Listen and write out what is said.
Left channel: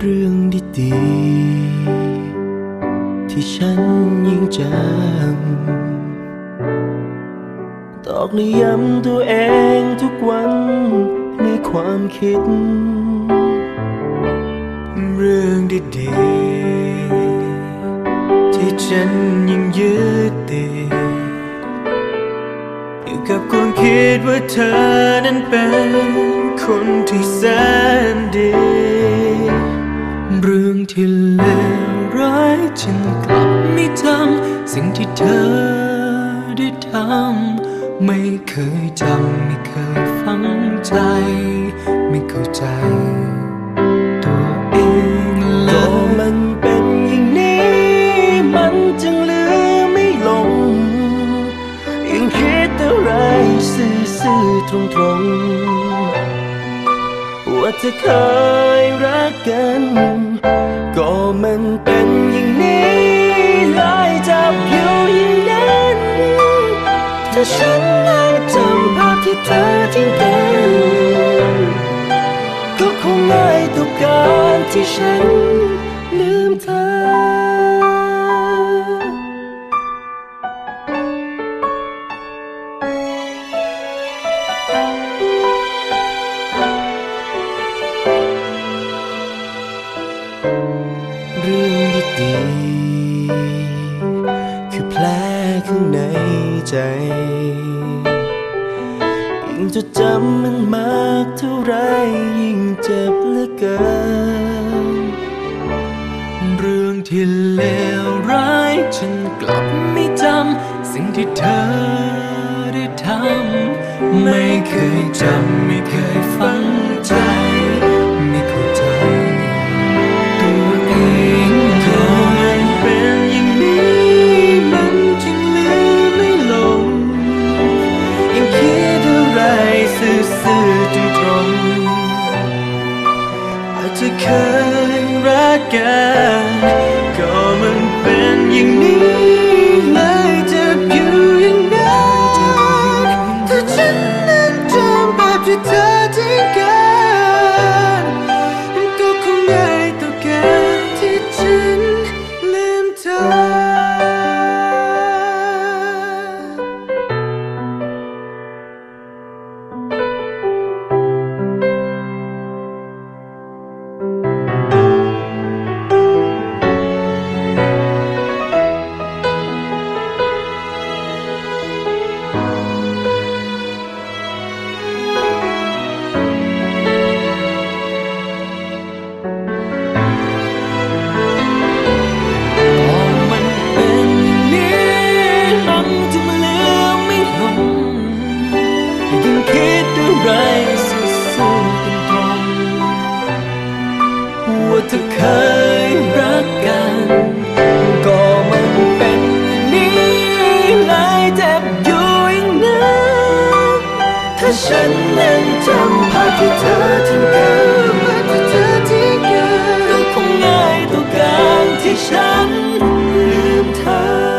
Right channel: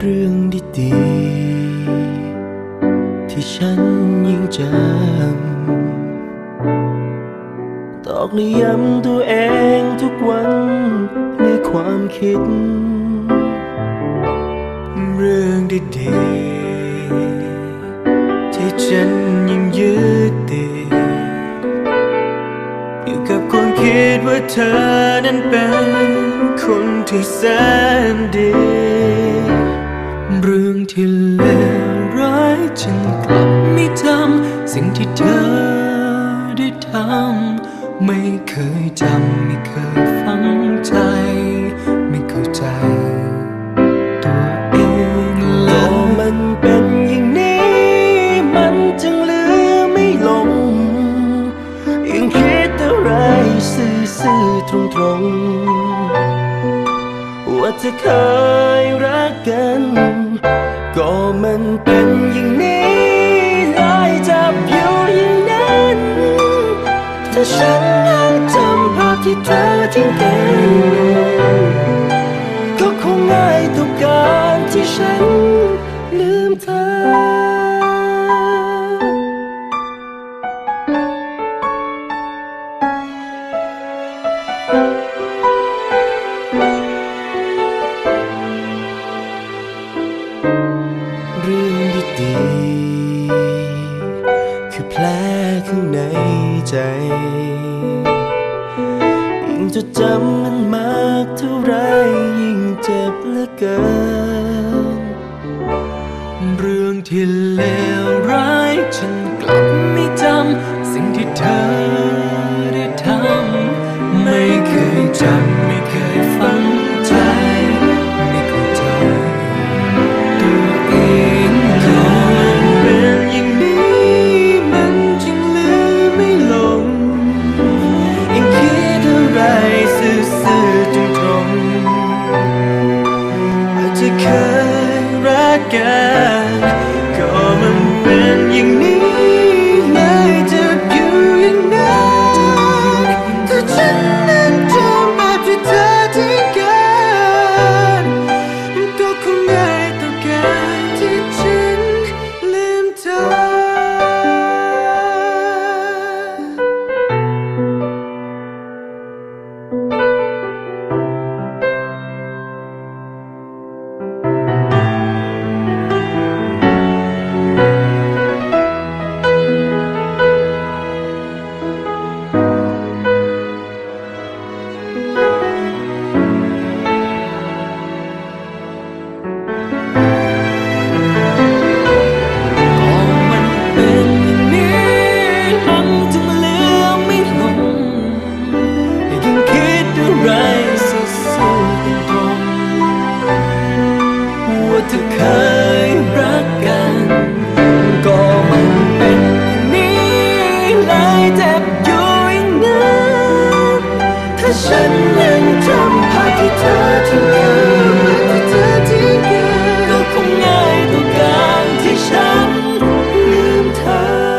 เรื่องดีๆ ที่ฉันยิ่งจำตอกในย้ำตัวเองทุกวันในความคิด เรื่องดีๆ ที่ฉันยิ่งยึดติดอยู่กับคนคิดว่าเธอนั้นเป็นคนที่แสนดี เรื่องที่เลวร้ายฉันกลับไม่ทำสิ่งที่เธอได้ทำไม่เคยจำไม่เคยฝังใจ ไม่เข้าใจ ตัวเองเลยก็มันเป็นอย่างนี้ มันจึงลืมไม่ลง ยังคิดอะไรซื่อๆตรงๆ ว่าจะเคยรักกัน ก็มันเป็นอย่างนี้ลายจับอยู่อย่างนั้น ถ้าฉันยังจำภาพที่เธอทิ้งกัน ก็คงง่ายต่อการที่ฉันลืมเธอ เรื่องดีๆคือแผลข้างในใจ ยิ่งจดจำมันมากเท่าไรยิ่งเจ็บเหลือเกิน เรื่องที่เลวร้ายฉันกลับไม่จำสิ่งที่เธอได้ทำไม่เคยจำไม่เคย ยังคิดอะไรซื่อๆตรงๆอาจจะเคยรักกันก็มันเป็นอย่างนี้เลยจะอยู่อย่างนั้นถ้าฉันนั้นจำแบบที่เธอทิ้งกันมันก็คงง่ายต่อการที่ฉันลืมเธอ ว่าเธอเคยรักกัน ก็มันเป็นนี้เลยเจ็บอยู่อย่างนั้นถ้าฉันนั้นทำภาพที่เธอทิ้งกันภาพที่เธอทิ้งกันก็คงง่ายต่อการที่ฉันลืมเธอ